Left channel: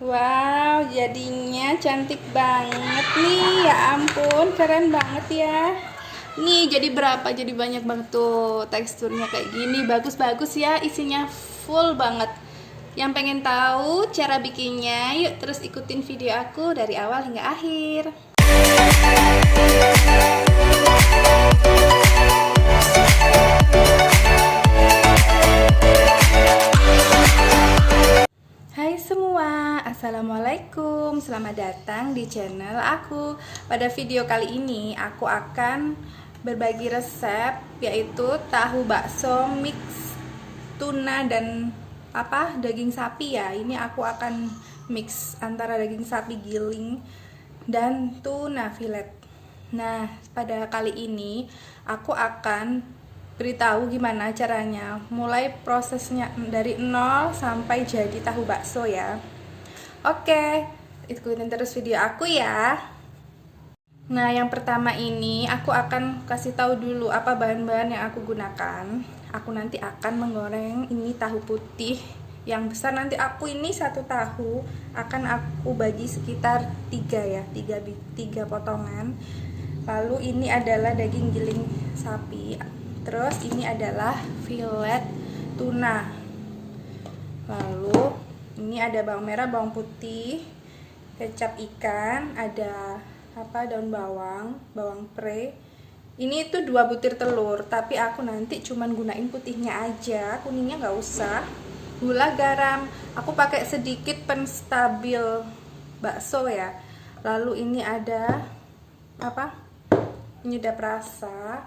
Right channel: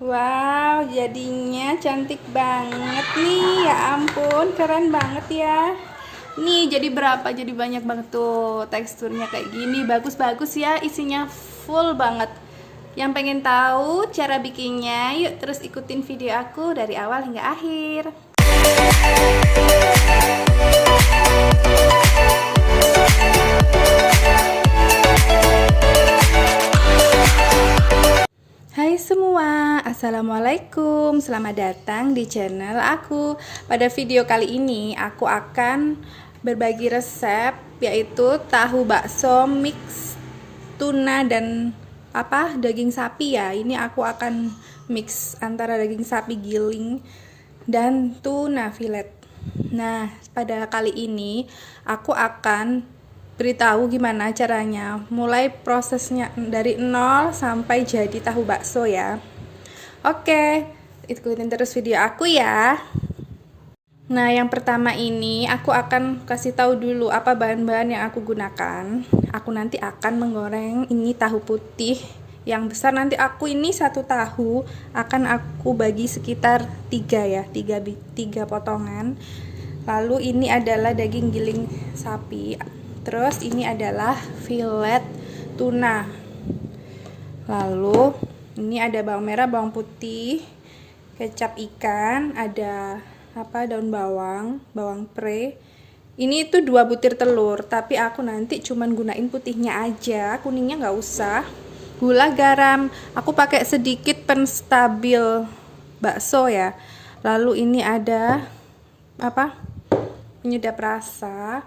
Wow, jadinya cantik banget nih. Ya ampun, keren banget ya. Nih, jadi berapa? Jadi banyak banget tuh teksturnya kayak gini. Bagus-bagus ya, isinya full banget. Yang pengen tahu cara bikinnya, yuk terus ikutin video aku dari awal hingga akhir. Hai semua, Assalamualaikum. Selamat datang di channel aku. Pada video kali ini aku akan berbagi resep, yaitu tahu bakso mix tuna dan daging sapi ya. Ini aku akan mix antara daging sapi giling dan tuna filet. Nah, pada kali ini aku akan beritahu gimana caranya, mulai prosesnya dari nol sampai jadi tahu bakso ya. Oke, ikutin terus video aku ya. Nah, yang pertama ini aku akan kasih tahu dulu apa bahan-bahan yang aku gunakan. Aku nanti akan menggoreng ini tahu putih yang besar. Nanti aku ini satu tahu akan aku bagi sekitar 3 ya, 3 potongan. Lalu ini adalah daging giling sapi. Terus ini adalah filet tuna. Lalu ini ada bawang merah, bawang putih, kecap ikan, ada daun bawang, bawang pre. Ini itu 2 butir telur, tapi aku nanti cuman gunain putihnya aja, kuningnya nggak usah. Gula, garam, aku pakai sedikit penstabil bakso ya. Lalu ini ada penyedap rasa.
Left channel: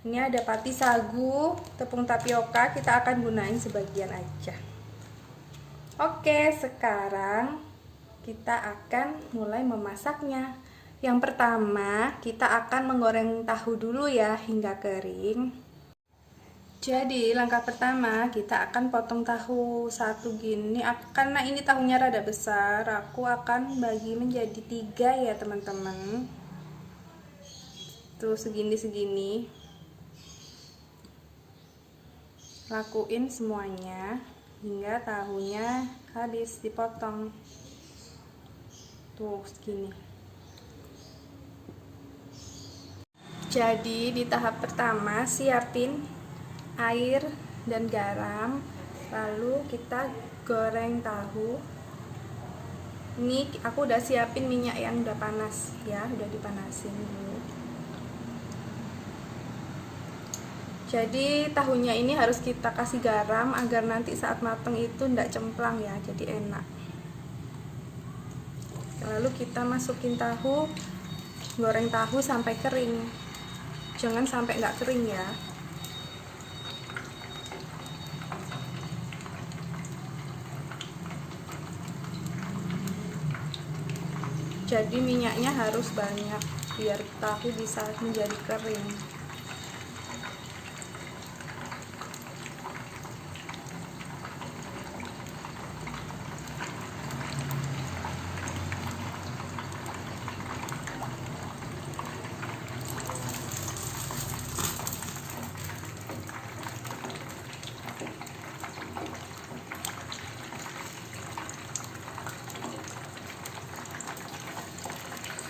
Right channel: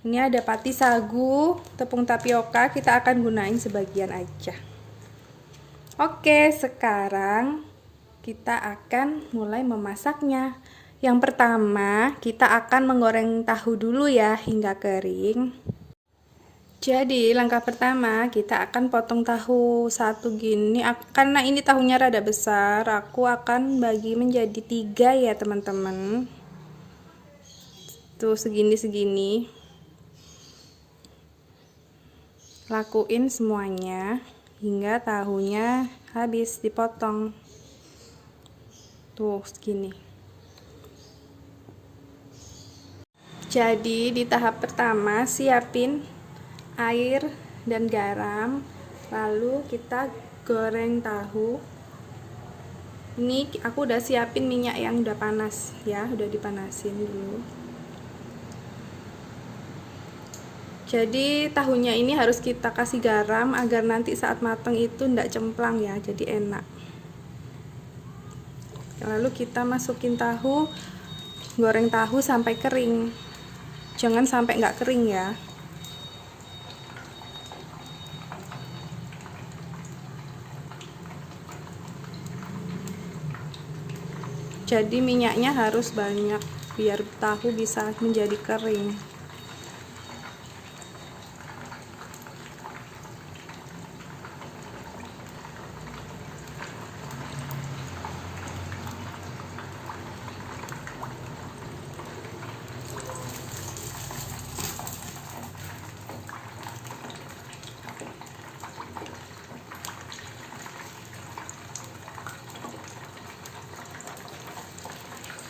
Ini ada pati sagu, tepung tapioka, kita akan gunain sebagian aja. Oke, sekarang kita akan mulai memasaknya. Yang pertama, kita akan menggoreng tahu dulu ya hingga kering. Jadi, langkah pertama kita akan potong tahu satu gini. Karena ini tahunya rada besar, aku akan bagi menjadi 3 ya teman-teman. Tuh segini-segini. Lakuin semuanya hingga tahunya habis dipotong. Tuh segini. Jadi di tahap pertama siapin air dan garam, lalu kita goreng tahu. Ini aku udah siapin minyak yang udah panas ya, udah dipanasin dulu. Jadi tahunya ini harus kita kasih garam agar nanti saat matang itu ndak cemplang ya, jadi enak. Lalu kita masukin tahu, goreng tahu sampai kering. Jangan sampai nggak kering ya. Jadi minyaknya harus banyak biar tahu bisa menjadi kering.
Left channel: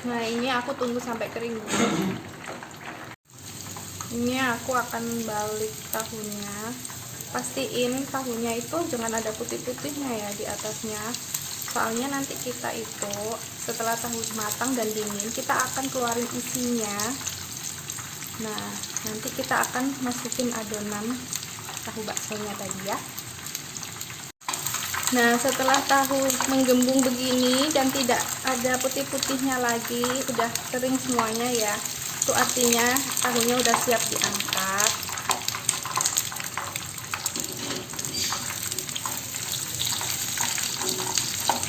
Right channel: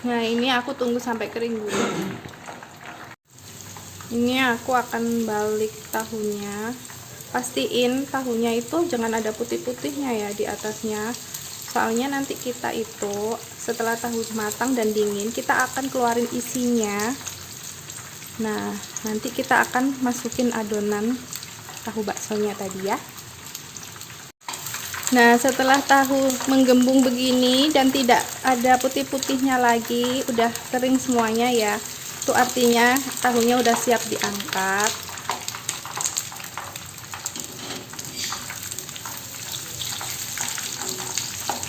Nah, ini aku tunggu sampai kering dulu. Ini aku akan balik tahunya. Pastiin tahunya itu jangan ada putih-putihnya ya di atasnya. Soalnya nanti kita itu setelah tahu matang dan dingin, kita akan keluarin isinya. Nah, nanti kita akan masukin adonan tahu baksonya tadi ya. Nah, setelah tahu menggembung begini dan tidak ada putih-putihnya lagi, udah kering semuanya ya. Itu artinya tahunya udah siap diangkat.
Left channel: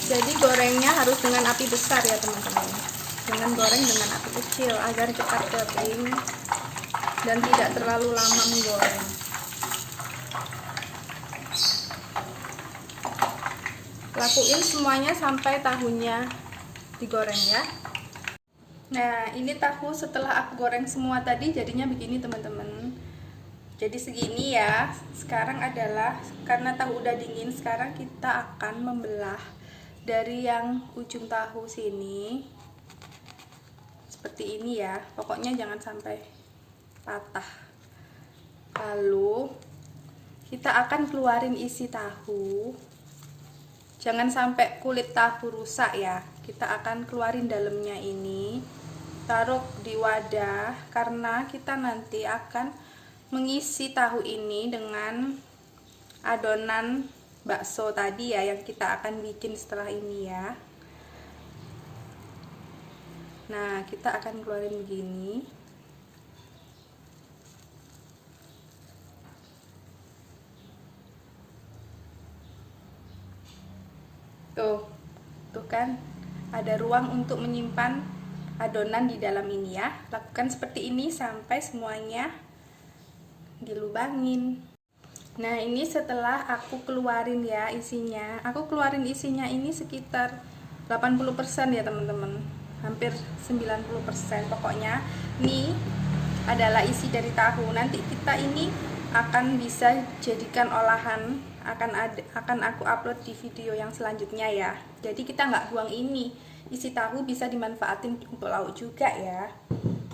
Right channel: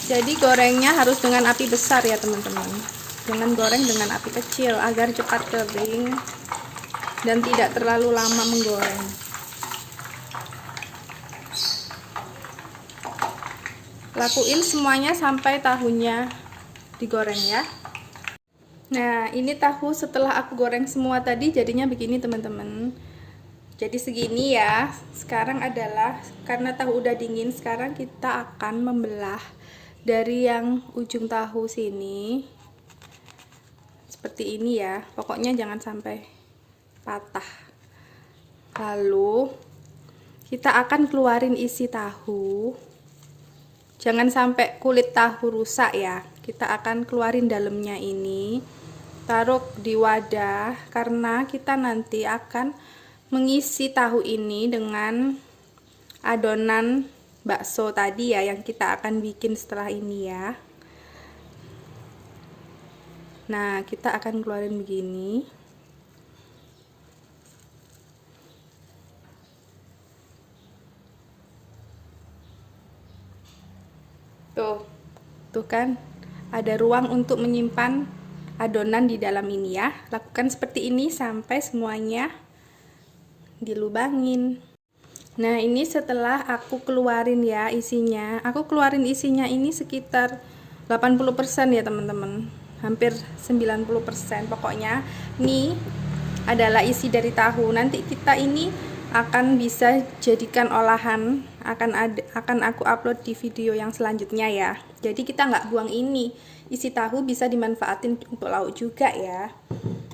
Jadi gorengnya harus dengan api besar ya teman-teman. Jangan goreng dengan api kecil agar cepat kering dan tidak terlalu lama menggoreng. Lakuin semuanya sampai tahunya digoreng ya. Nah, ini tahu setelah aku goreng semua tadi jadinya begini teman-teman. Jadi segini ya. Sekarang adalah karena tahu udah dingin, sekarang kita akan membelah dari yang ujung tahu sini seperti ini ya, pokoknya jangan sampai patah. Lalu kita akan keluarin isi tahu, jangan sampai kulit tahu rusak ya. Kita akan keluarin dalamnya ini, taruh di wadah, karena kita nanti akan mengisi tahu ini dengan adonan bakso tadi ya, yang kita akan bikin setelah ini ya. Nah, kita akan keluarin begini. Tuh kan, ada ruang untuk menyimpan adonan di dalam ini ya. Lakukan seperti ini sampai semuanya dilubangin. Nah, ini setelah aku keluarin ya isinya. Aku keluarin isinya ini sekitar 80% ya teman-teman. Hampir 90%. Pokoknya ini adalah isi dari tahu. Nanti kita ini akan bisa jadikan olahan. Akan aku upload di video yang selanjutnya ya. Jadi kita nggak buang ini. Isi tahu bisa dimanfaatin untuk lauk juga ya.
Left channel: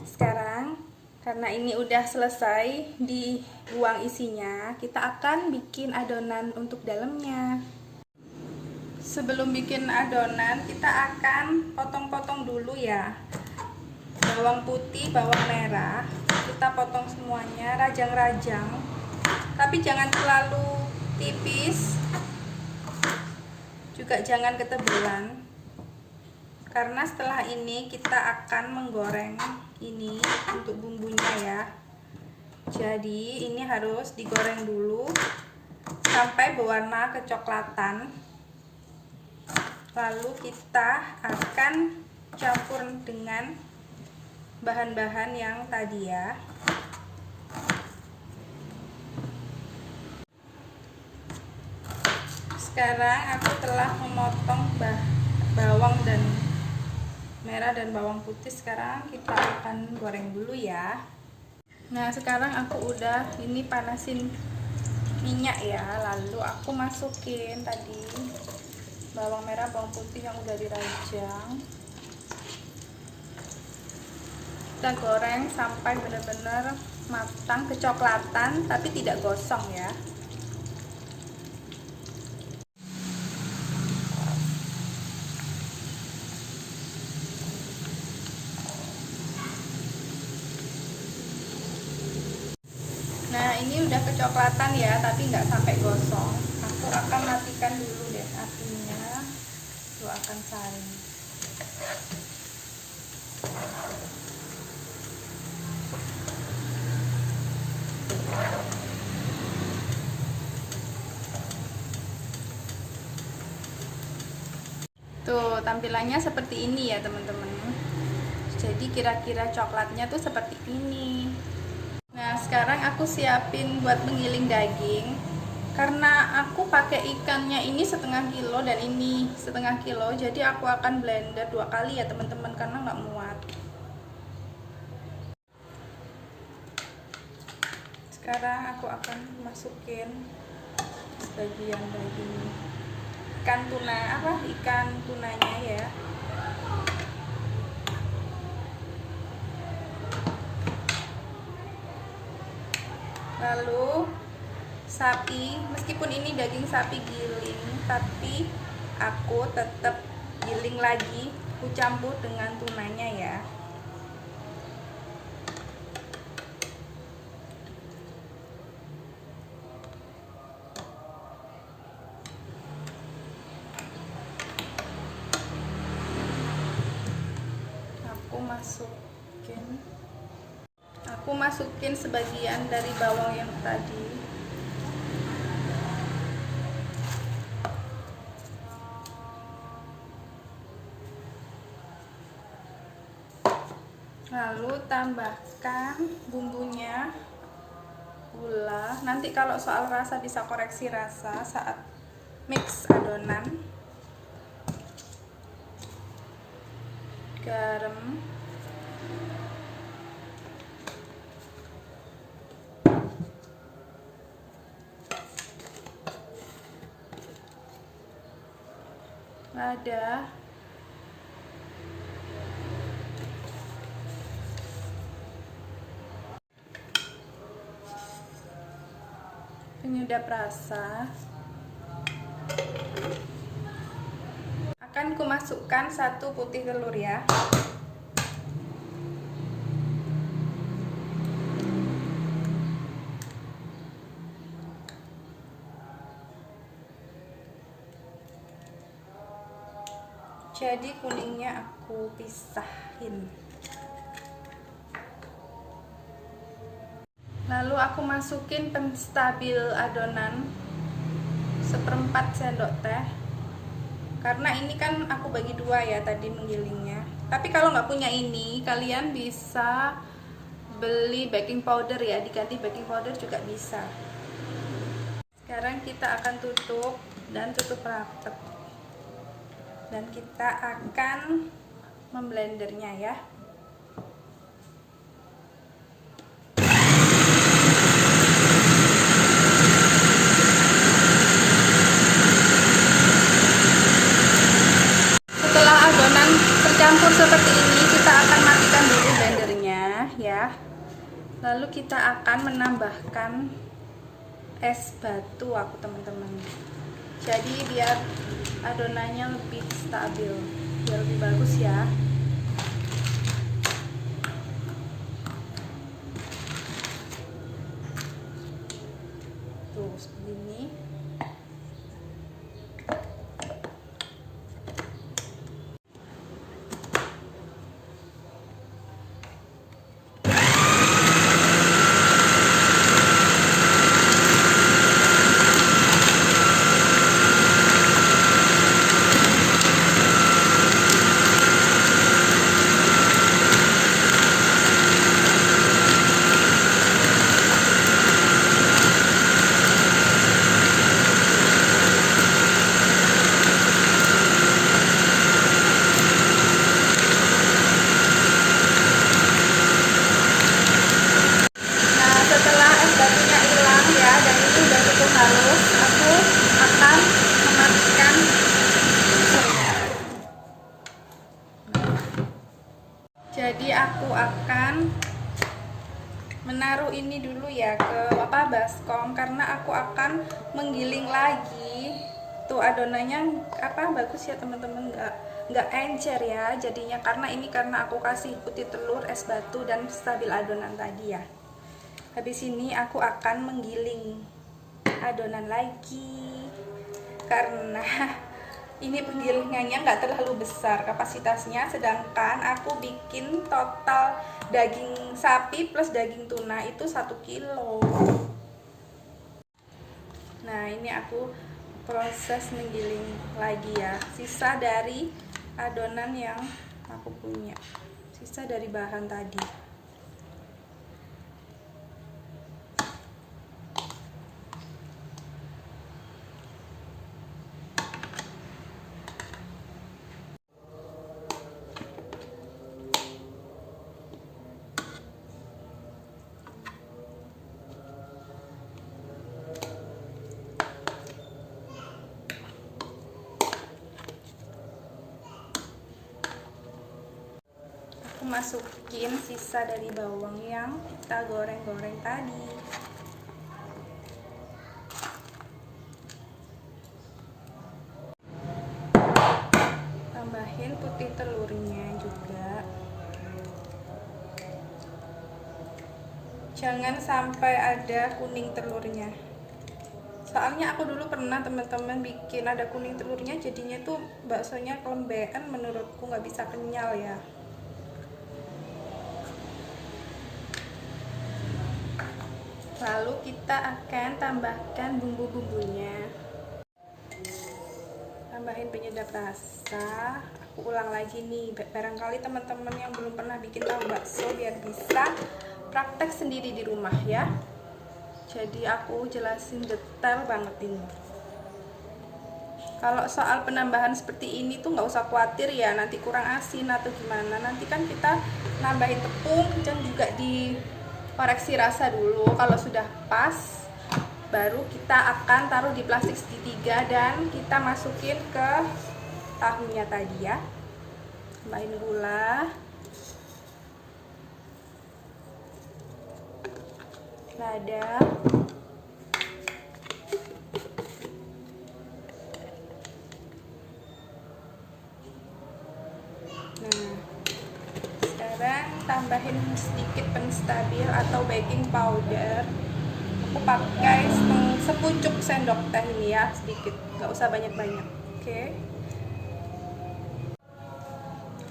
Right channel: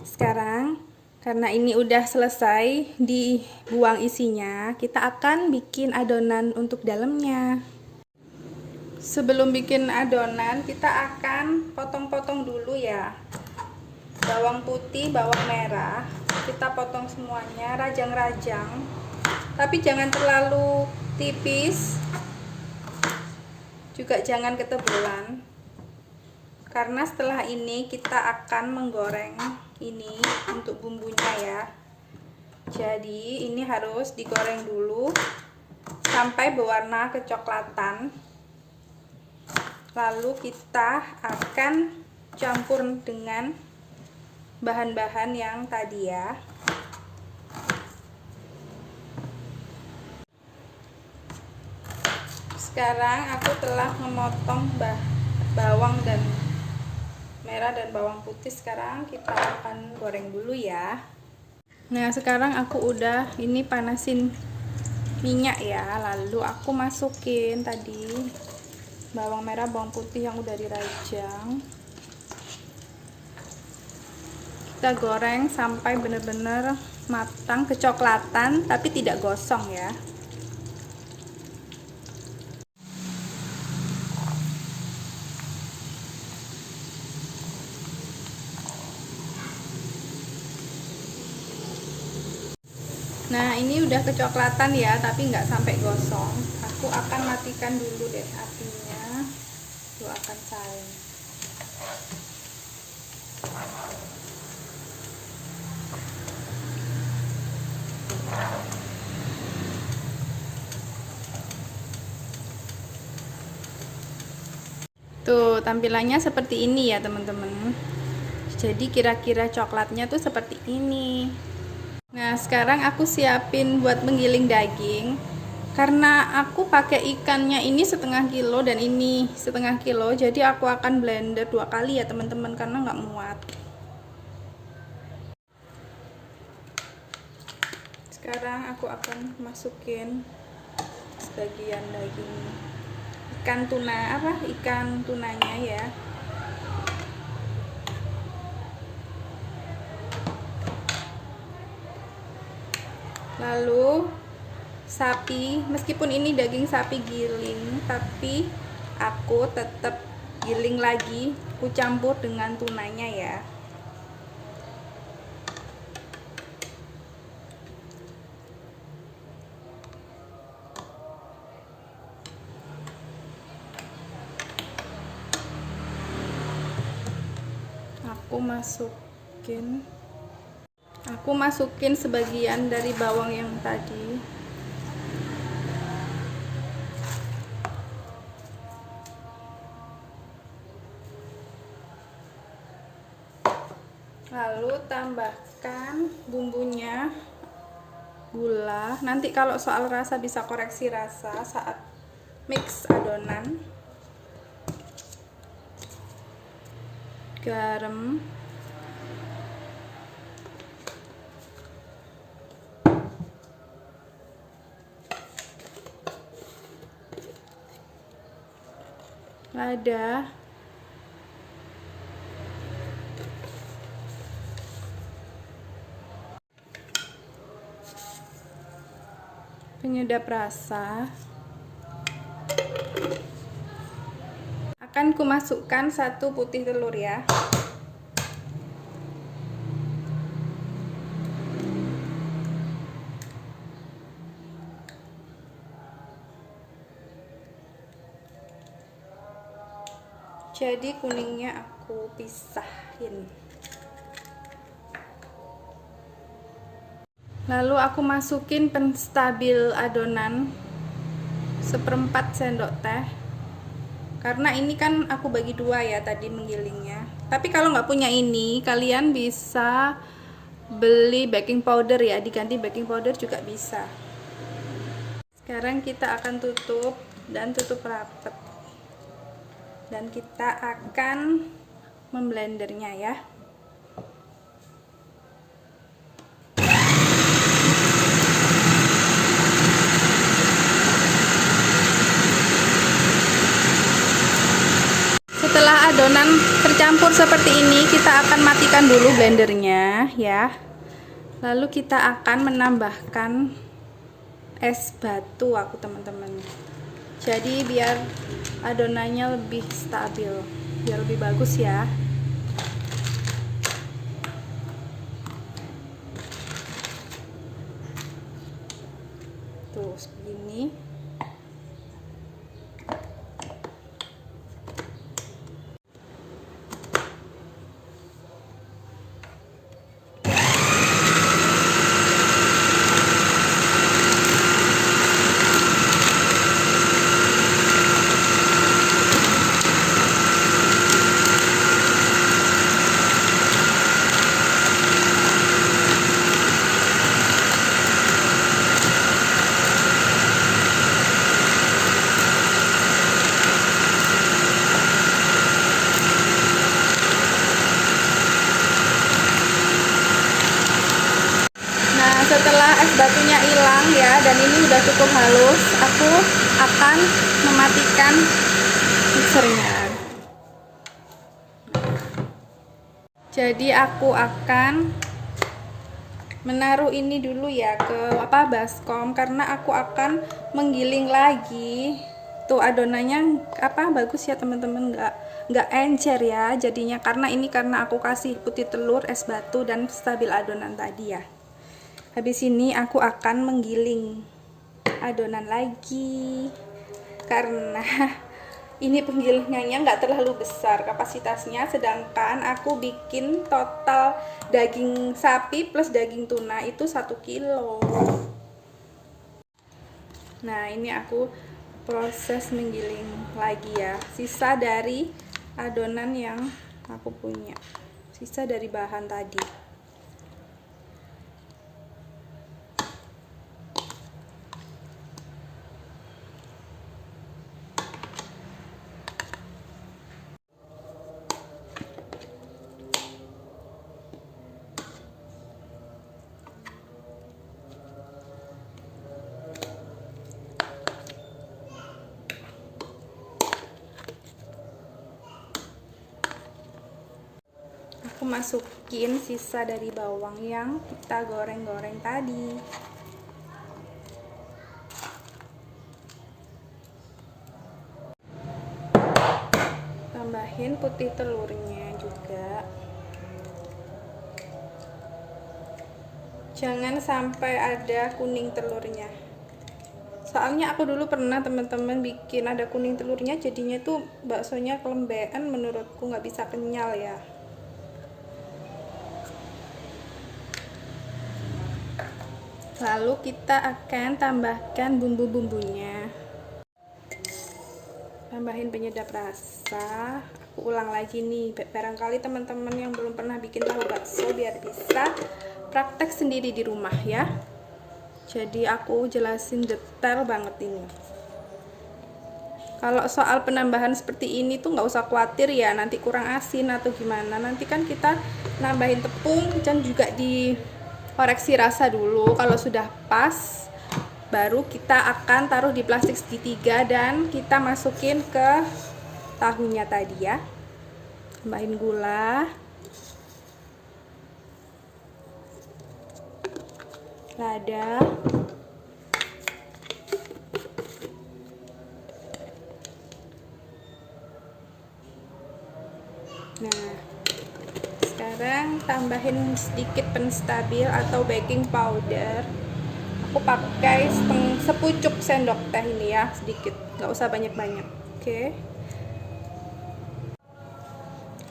Sekarang karena ini udah selesai dibuang isinya, kita akan bikin adonan untuk dalamnya. Sebelum bikin adonan, kita akan potong-potong dulu ya. Bawang putih, bawang merah, kita potong semuanya, rajang-rajang. Tapi jangan terlalu tipis, juga jangan ketebalan. Karena setelah ini kita akan menggoreng ini untuk bumbunya ya. Jadi ini harus digoreng dulu sampai berwarna kecoklatan. Lalu kita akan campur dengan bahan-bahan yang tadi ya. Sekarang aku telah memotong bawang dan merah dan bawang putih. Sekarang kita akan goreng dulu ya. Nah, sekarang aku udah ini panasin minyak ya. Lalu aku masukin tadi bawang merah, bawang putih yang udah dirajang. Kita goreng sampai benar-benar matang kecoklatan, tapi tidak gosong ya. Nah, ini udah kecoklatan ya, tapi nggak sampai gosong. Aku akan matikan dulu deh apinya. Aku akan saring. Tuh, tampilannya seperti ini ya teman-teman. Jadi kira-kira coklatnya tuh seperti ini. Nah, sekarang aku siapin buat menggiling daging. Karena aku pakai ikannya ini 1/2 kilo dan ini 1/2 kilo, jadi aku akan blender 2 kali ya teman-teman, karena nggak muat. Sekarang aku akan masukin sebagian daging ikan tunanya ya. Lalu sapi, meskipun ini daging sapi giling, tapi aku tetap giling lagi, aku campur dengan tunanya ya. Aku masukin sebagian dari bawang yang tadi. Lalu tambahkan bumbunya, gula. Nanti kalau soal rasa bisa koreksi rasa saat mix adonan. Garam. lada, penyedap rasa. Akan kumasukkan 1 putih telur ya. Jadi kuningnya aku pisahin. Lalu aku masukin penstabil adonan 1/4 sendok teh. Karena ini kan aku bagi 2 ya tadi menggilingnya. Tapi kalau nggak punya ini, kalian bisa beli baking powder ya, diganti baking powder juga bisa. Sekarang kita akan tutup dan tutup rapat. Dan kita akan memblendernya ya. Setelah adonan tercampur seperti ini, kita akan matikan dulu blendernya ya. Lalu kita akan menambahkan es batu aku teman-teman. Jadi biar adonannya lebih stabil, biar lebih bagus ya. Tuh seperti ini. Cukup halus, aku akan mematikan mixernya. Jadi aku akan menaruh ini dulu ya ke baskom, karena aku akan menggiling lagi. Tuh adonannya bagus ya teman-teman, nggak encer ya jadinya, karena aku kasih putih telur, es batu, dan stabil adonan tadi ya. Habis ini aku akan menggiling adonan lagi, karena ini penggilingannya nggak terlalu besar kapasitasnya, sedangkan aku bikin total daging sapi plus daging tuna itu 1 kilo. Nah ini aku proses menggiling lagi ya, sisa dari adonan yang aku punya, sisa dari bahan tadi. Aku masukin sisa dari bawang yang kita goreng-goreng tadi. Tambahin putih telurnya juga. Jangan sampai ada kuning telurnya. Soalnya aku dulu pernah teman-teman bikin ada kuning telurnya, jadinya tuh baksonya kelembean, menurutku nggak bisa kenyal ya. Lalu kita akan tambahkan bumbu-bumbunya. Tambahin penyedap rasa. Aku ulang lagi nih, barangkali teman-teman yang belum pernah bikin tahu bakso biar bisa praktek sendiri di rumah ya. Jadi aku jelasin detail banget ini. Kalau soal penambahan seperti ini tuh nggak usah khawatir ya, nanti kurang asin atau gimana. Nanti kan kita nambahin tepung dan juga dikoreksi rasa dulu. Kalau sudah pas, baru kita akan taruh di plastik segitiga dan kita masukin ke tahunya tadi ya. Tambahin gula, lada, nah sekarang tambahin sedikit penstabil atau baking powder. Aku pakai sepucuk sendok teh ini ya, sedikit, nggak usah banyak-banyak. Oke.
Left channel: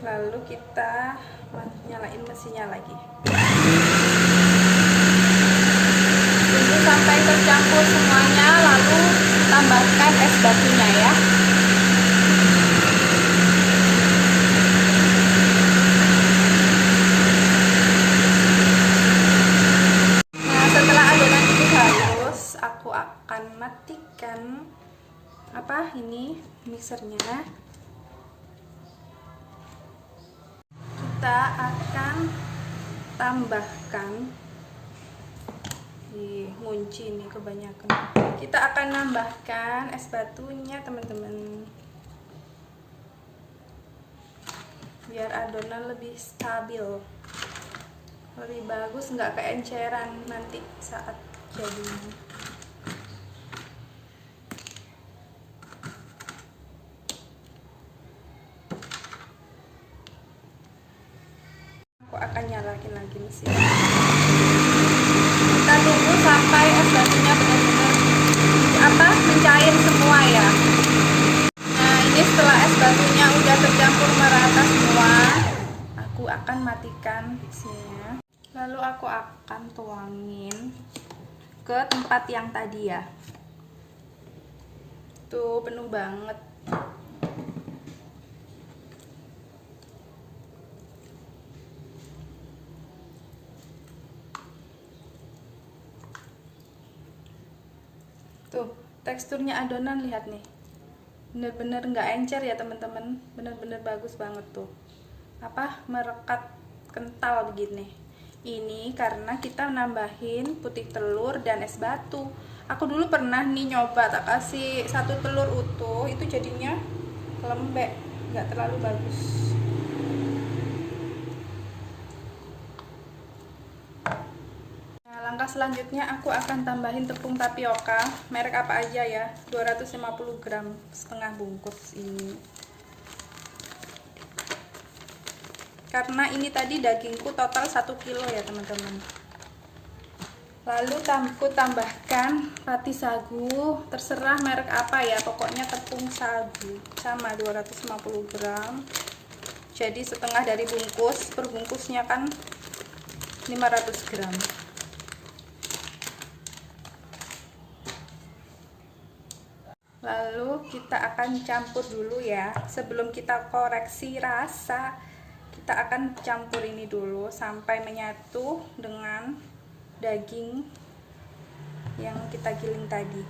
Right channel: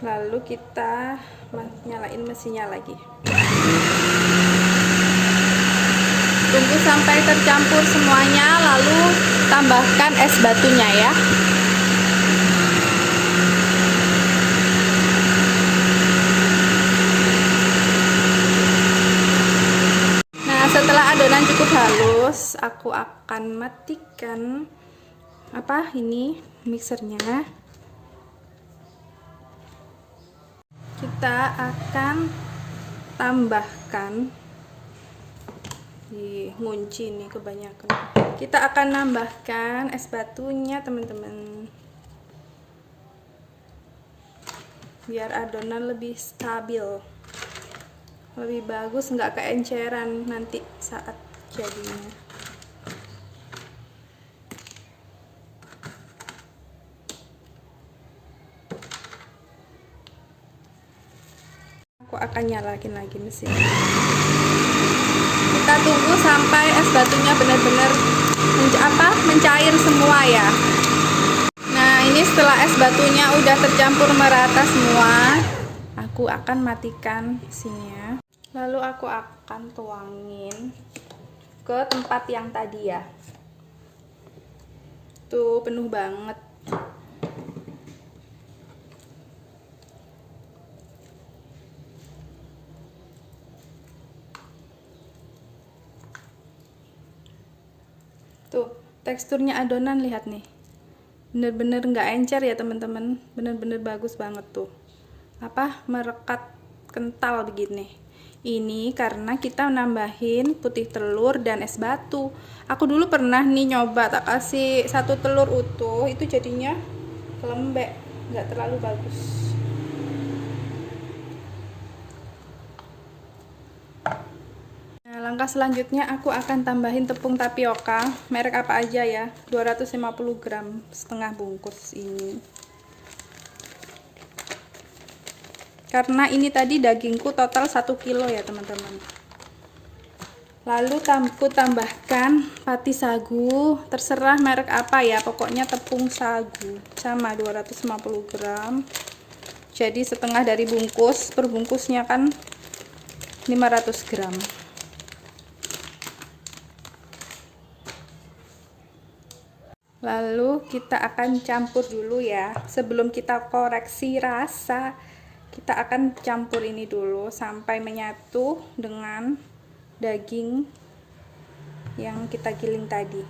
Lalu kita nyalain mesinnya lagi. Tunggu sampai tercampur semuanya, lalu tambahkan es batunya ya. Aku akan matikan mixernya. Kita akan tambahkan ngunci nih kebanyakan. Kita akan nambahkan es batunya teman-teman, biar adonan lebih stabil, lebih bagus, nggak keenceran nanti saat jadinya. Aku akan nyalakin lagi mesin. Kita tunggu sampai es batunya benar-benar mencair semua ya. Nah, ini setelah es batunya udah tercampur merata semua, aku akan matikan mesinnya. Lalu aku akan tuangin ke tempat yang tadi ya. Tuh, penuh banget. Tuh, teksturnya adonan, lihat nih, bener-bener nggak encer ya teman-teman, bener-bener bagus banget tuh, merekat kental begini. Ini karena kita nambahin putih telur dan es batu. Aku dulu pernah nih nyoba tak kasih 1 telur utuh, itu jadinya lembek, nggak terlalu bagus. Langkah selanjutnya aku akan tambahin tepung tapioka, merek apa aja ya, 250 gram, setengah bungkus ini. Karena ini tadi dagingku total 1 kilo ya teman-teman. Lalu aku tambahkan pati sagu, terserah merek apa ya, pokoknya tepung sagu, sama 250 gram. Jadi setengah dari bungkus, per bungkusnya kan 500 gram. Lalu kita akan campur dulu ya, sebelum kita koreksi rasa, kita akan campur ini dulu sampai menyatu dengan daging yang kita giling tadi.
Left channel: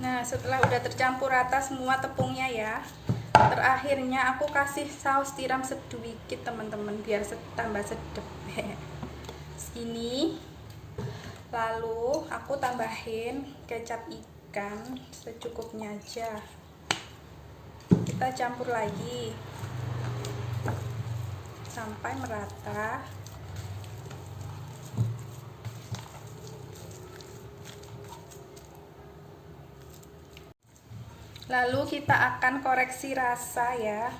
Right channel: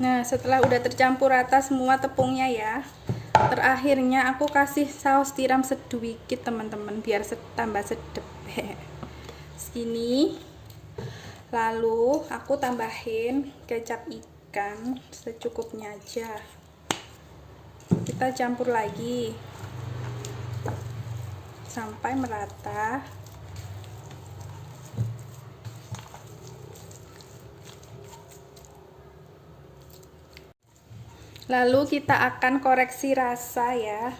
Nah, setelah udah tercampur rata semua tepungnya ya, terakhirnya aku kasih saus tiram sedikit teman-teman, biar tambah sedap. Segini. Lalu aku tambahin kecap ikan secukupnya aja. Kita campur lagi sampai merata. Lalu kita akan koreksi rasa ya.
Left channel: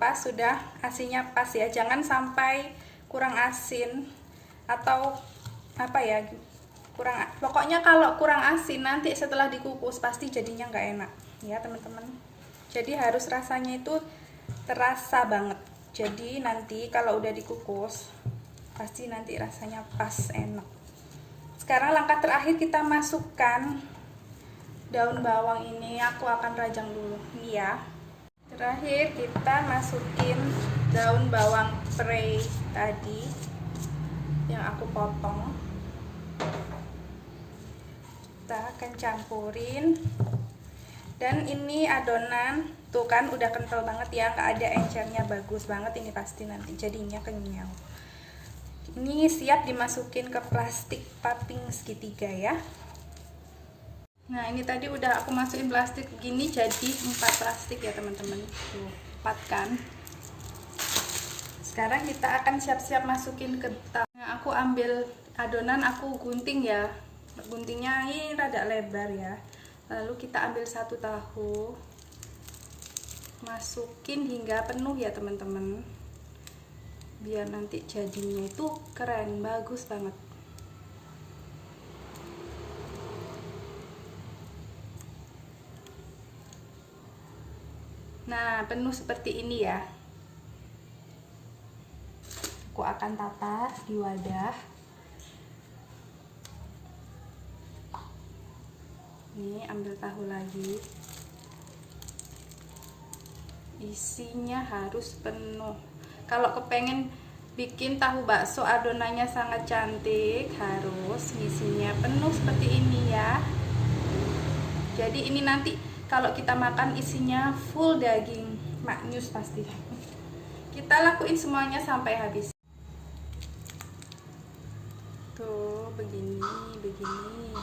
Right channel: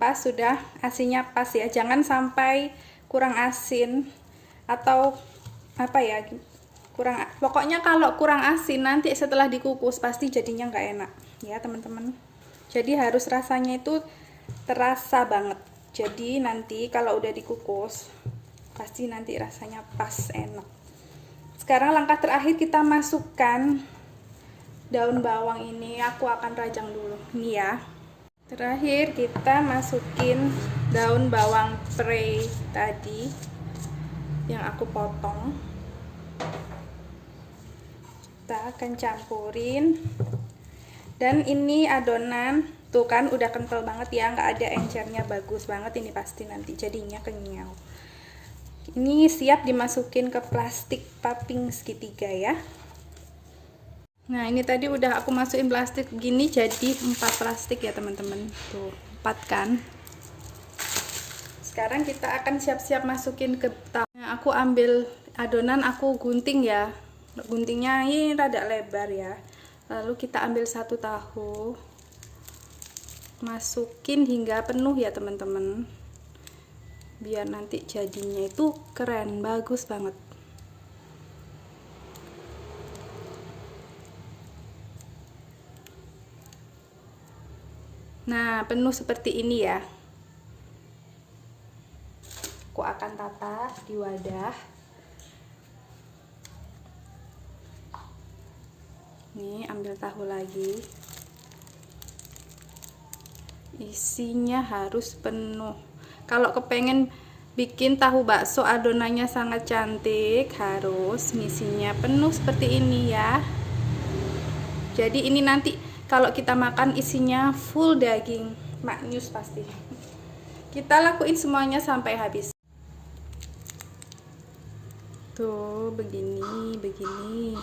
Pas, sudah, asinnya pas ya, jangan sampai kurang asin atau pokoknya kalau kurang asin nanti setelah dikukus pasti jadinya nggak enak ya teman-teman. Jadi harus rasanya itu terasa banget, jadi nanti kalau udah dikukus pasti nanti rasanya pas, enak. Sekarang langkah terakhir, kita masukkan daun bawang ini, aku akan rajang dulu nih ya. Terakhir kita masukin daun bawang prei tadi yang aku potong. Kita akan campurin, dan ini adonan Tuh kan udah kental banget ya, nggak ada encernya, bagus banget ini pasti nanti jadinya kenyal. Ini siap dimasukin ke plastik piping segitiga ya. Nah ini tadi udah aku masukin plastik gini, jadi 4 plastik ya teman-teman. Tuh 4 kan. Sekarang kita akan siap-siap masukin ke tahu. Nah, aku ambil adonan, aku gunting ya. Guntingnya ini rada lebar ya. Lalu kita ambil 1 tahu, masukin hingga penuh ya teman-teman, biar nanti jadinya itu keren, bagus banget. Nah penuh seperti ini ya. Aku akan tata di wadah. Nih ambil tahu lagi, isinya harus penuh. Kalau kepengen bikin tahu bakso adonannya sangat cantik, harus ngisinya penuh seperti ini ya. Jadi ini nanti kalau kita makan isinya full daging, maknyus pasti. Kita lakuin semuanya sampai habis. Tuh begini.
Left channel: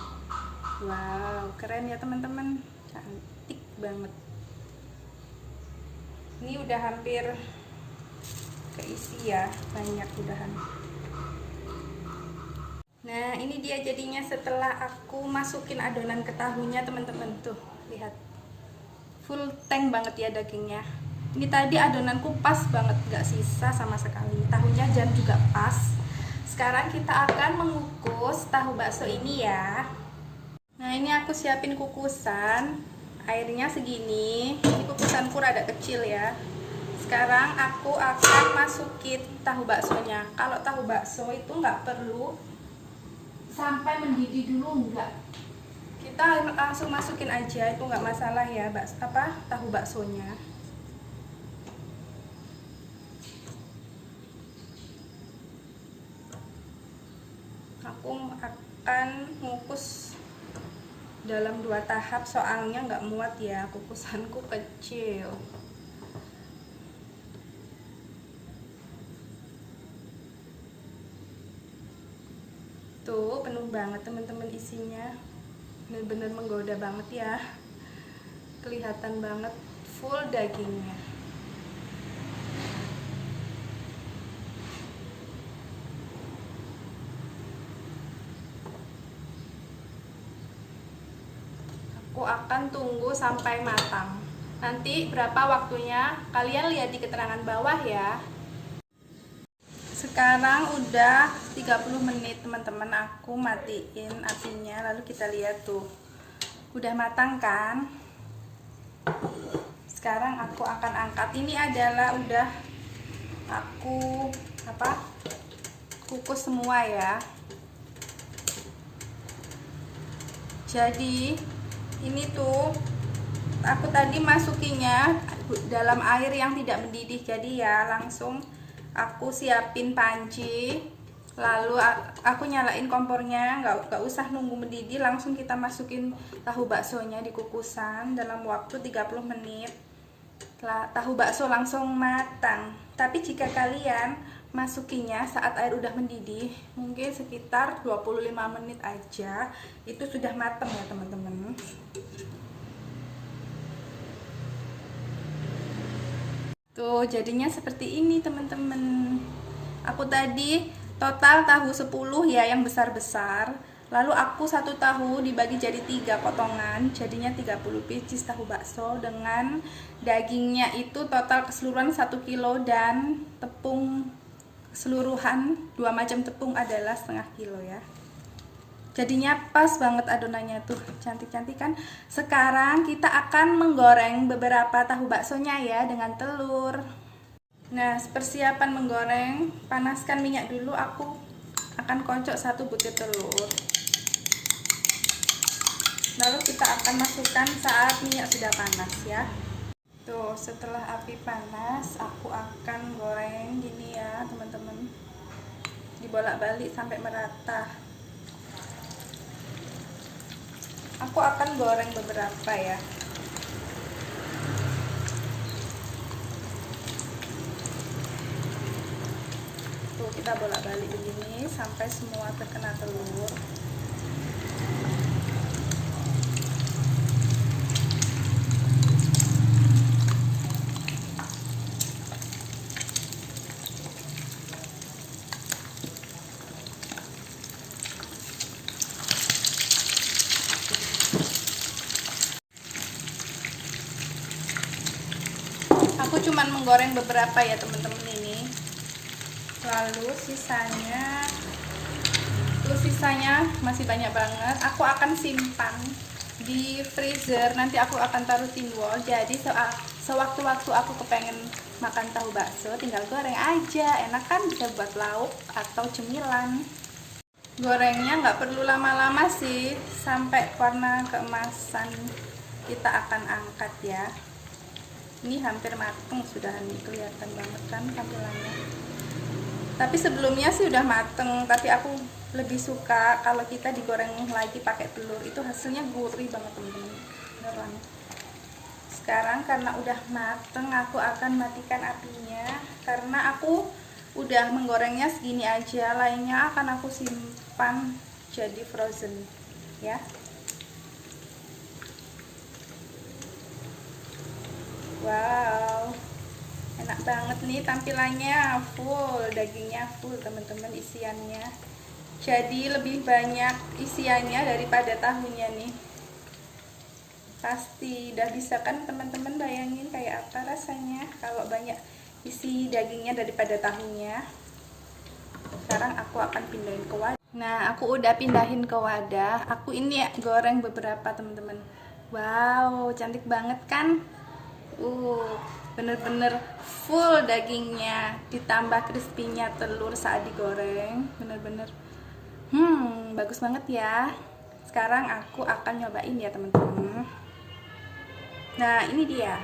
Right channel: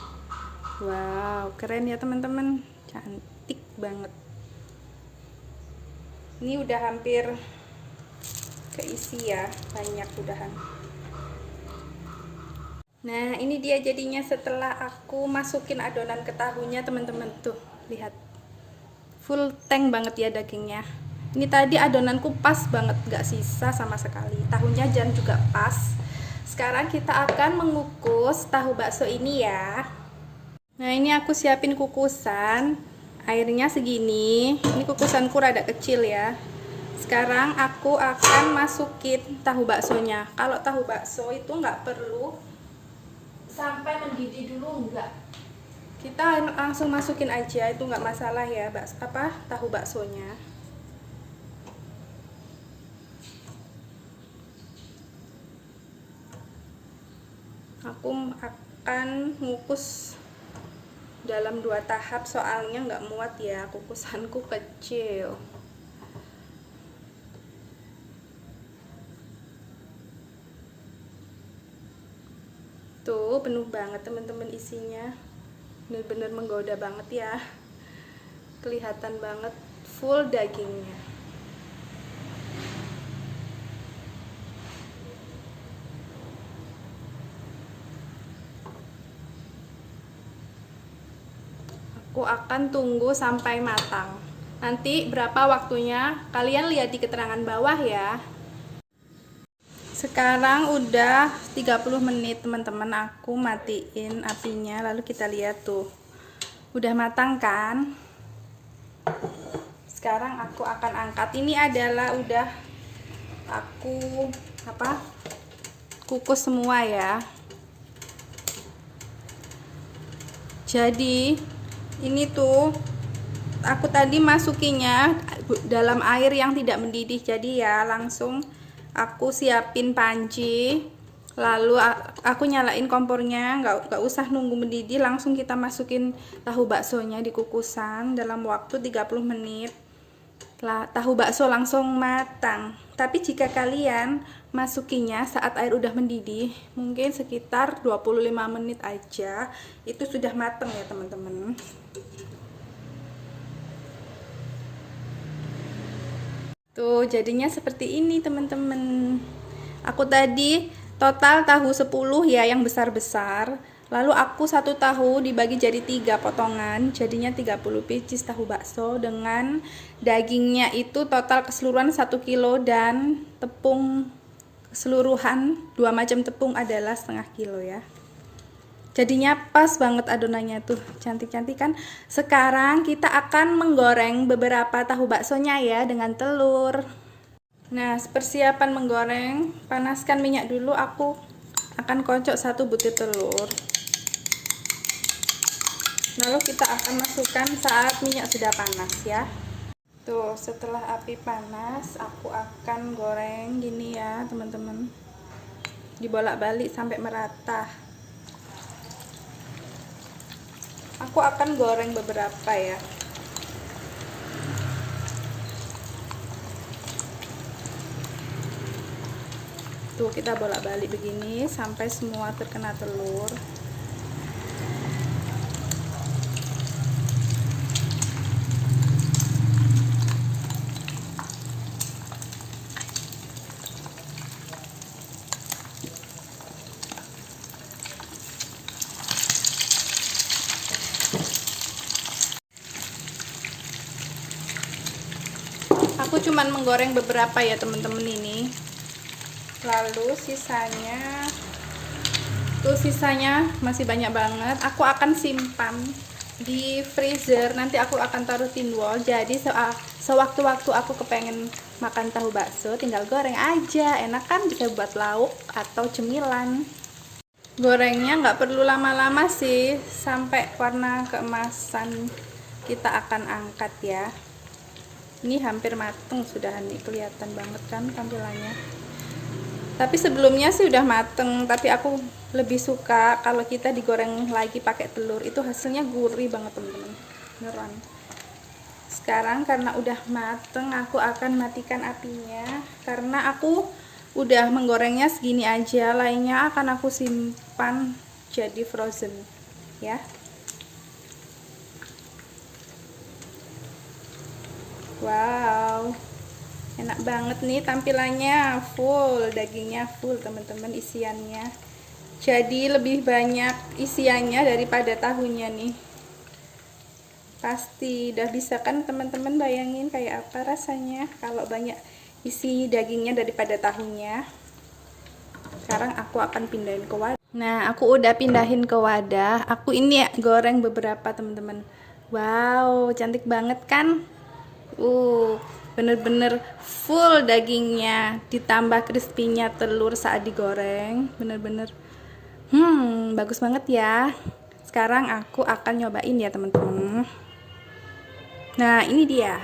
Wow, keren ya teman-teman, cantik banget. Ini udah hampir keisi ya, banyak udahan. Nah ini dia jadinya setelah aku masukin adonan ke tahunya teman-teman. Tuh lihat, full tank banget ya dagingnya. Ini tadi adonanku pas banget, gak sisa sama sekali. Tahunya juga pas. Sekarang kita akan mengukus tahu bakso ini ya. Nah ini aku siapin kukusan, airnya segini. Ini kukusanku rada kecil ya. Sekarang aku akan masukin tahu baksonya. Kalau tahu bakso itu nggak perlu sampai mendidih dulu, enggak. Kita langsung masukin aja, itu nggak masalah ya, tahu baksonya. Aku akan ngukus dalam 2 tahap, soalnya nggak muat ya, kukusanku kecil. Tuh penuh banget teman-teman isinya, bener-bener menggoda banget ya, kelihatan banget full dagingnya. Aku akan tunggu sampai matang. Nanti berapa waktunya kalian lihat di keterangan bawah ya. Sekarang udah 30 menit teman-teman, aku matiin apinya, lalu kita lihat tuh udah matang kan. Sekarang aku akan angkat. Ini adalah udah aku kukus semua ya. Jadi ini tuh aku tadi masukinya dalam air yang tidak mendidih, jadi ya langsung aku siapin panci, lalu aku nyalain kompornya, nggak usah nunggu mendidih, langsung kita masukin tahu baksonya di kukusan dalam waktu 30 menit. Tahu bakso langsung matang. Tapi jika kalian masukinya saat air udah mendidih, mungkin sekitar 25 menit aja, itu sudah matang ya teman-teman. Tuh jadinya seperti ini teman-teman. Aku tadi total tahu 10 ya, yang besar-besar. Lalu aku 1 tahu dibagi jadi 3 potongan, jadinya 30 pieces tahu bakso dengan dagingnya itu total keseluruhan 1 kilo dan tepung keseluruhan 2 macam tepung adalah setengah kilo ya. Jadinya pas banget adonannya tuh, cantik-cantik kan. Sekarang kita akan menggoreng beberapa tahu baksonya ya dengan telur. Nah, persiapan menggoreng, panaskan minyak dulu. Aku akan kocok 1 butir telur. Lalu kita akan masukkan saat minyak sudah panas ya. Tuh, setelah api panas, aku akan goreng gini ya teman-teman, dibolak-balik sampai merata. Aku akan goreng beberapa ya. Tuh, kita bolak-balik begini sampai semua terkena telur. Aku cuman menggoreng beberapa ya teman-teman ini. Lalu sisanya masih banyak banget. Aku akan simpan di freezer. Nanti aku akan taruh tin wall. Jadi sewaktu-waktu aku kepengen makan tahu bakso, tinggal goreng aja. Enak kan, bisa buat lauk atau cemilan. Gorengnya nggak perlu lama-lama sih, sampai warna keemasan kita akan angkat ya. Ini hampir mateng sudah nih, kelihatan banget kan tampilannya. Tapi sebelumnya sih udah mateng, tapi aku lebih suka kalau kita digoreng lagi pakai telur, itu hasilnya gurih banget teman-teman, beneran. Sekarang karena udah mateng, aku akan matikan apinya karena aku udah menggorengnya segini aja, lainnya akan aku simpan jadi frozen ya. Wow, enak banget nih tampilannya, full dagingnya, full teman-teman isiannya. Jadi lebih banyak isiannya daripada tahunya nih. Pasti udah bisa kan teman-teman bayangin kayak apa rasanya kalau banyak isi dagingnya daripada tahunya. Sekarang aku akan pindahin ke wadah. Nah, aku udah pindahin ke wadah. Aku ini ya goreng beberapa teman-teman. Wow, cantik banget kan? Bener-bener full dagingnya, ditambah crispy-nya telur saat digoreng, bener-bener bagus banget ya. Sekarang aku akan nyobain ya teman-teman. Nah, ini dia.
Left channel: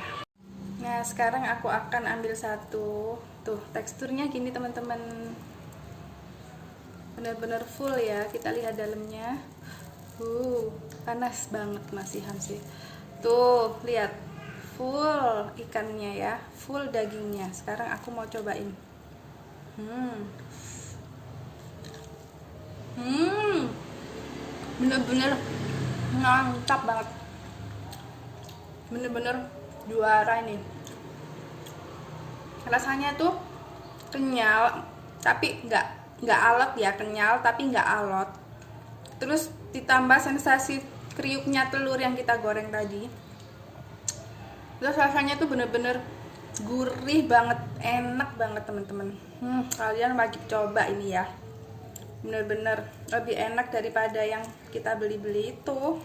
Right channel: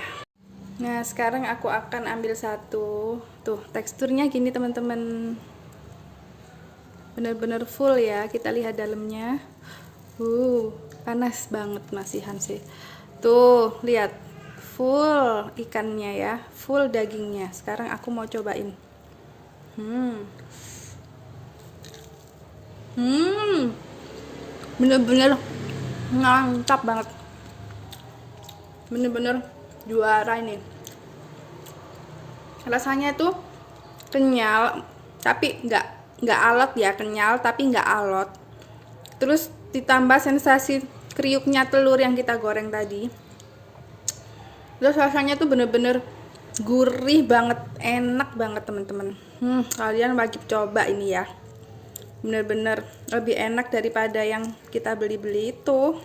Nah, sekarang aku akan ambil satu. Tuh, teksturnya gini teman-teman, bener-bener full ya. Kita lihat dalamnya. Panas banget masihan sih. Tuh, lihat, full ikannya ya, full dagingnya. Sekarang aku mau cobain. Bener-bener mantap banget, bener-bener juara ini. Rasanya tuh kenyal tapi nggak alot ya, kenyal tapi nggak alot. Terus ditambah sensasi kriuknya telur yang kita goreng tadi. Terus rasanya tuh bener-bener gurih banget, enak banget teman-teman. Kalian wajib coba ini ya, bener-bener lebih enak daripada yang kita beli-beli itu.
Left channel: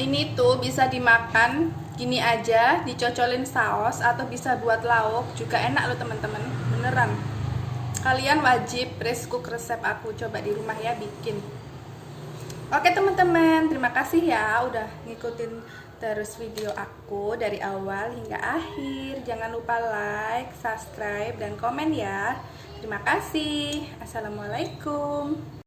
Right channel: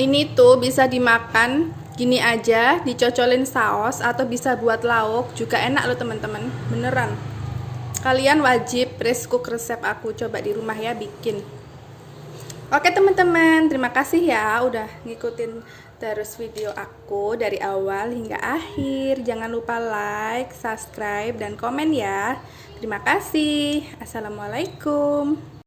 Ini tuh bisa dimakan gini aja, dicocolin saus, atau bisa buat lauk juga enak loh teman-teman, beneran. Kalian wajib press cook resep aku, coba di rumah ya bikin. Oke teman-teman, terima kasih ya udah ngikutin terus video aku dari awal hingga akhir. Jangan lupa like, subscribe, dan komen ya. Terima kasih. Assalamualaikum.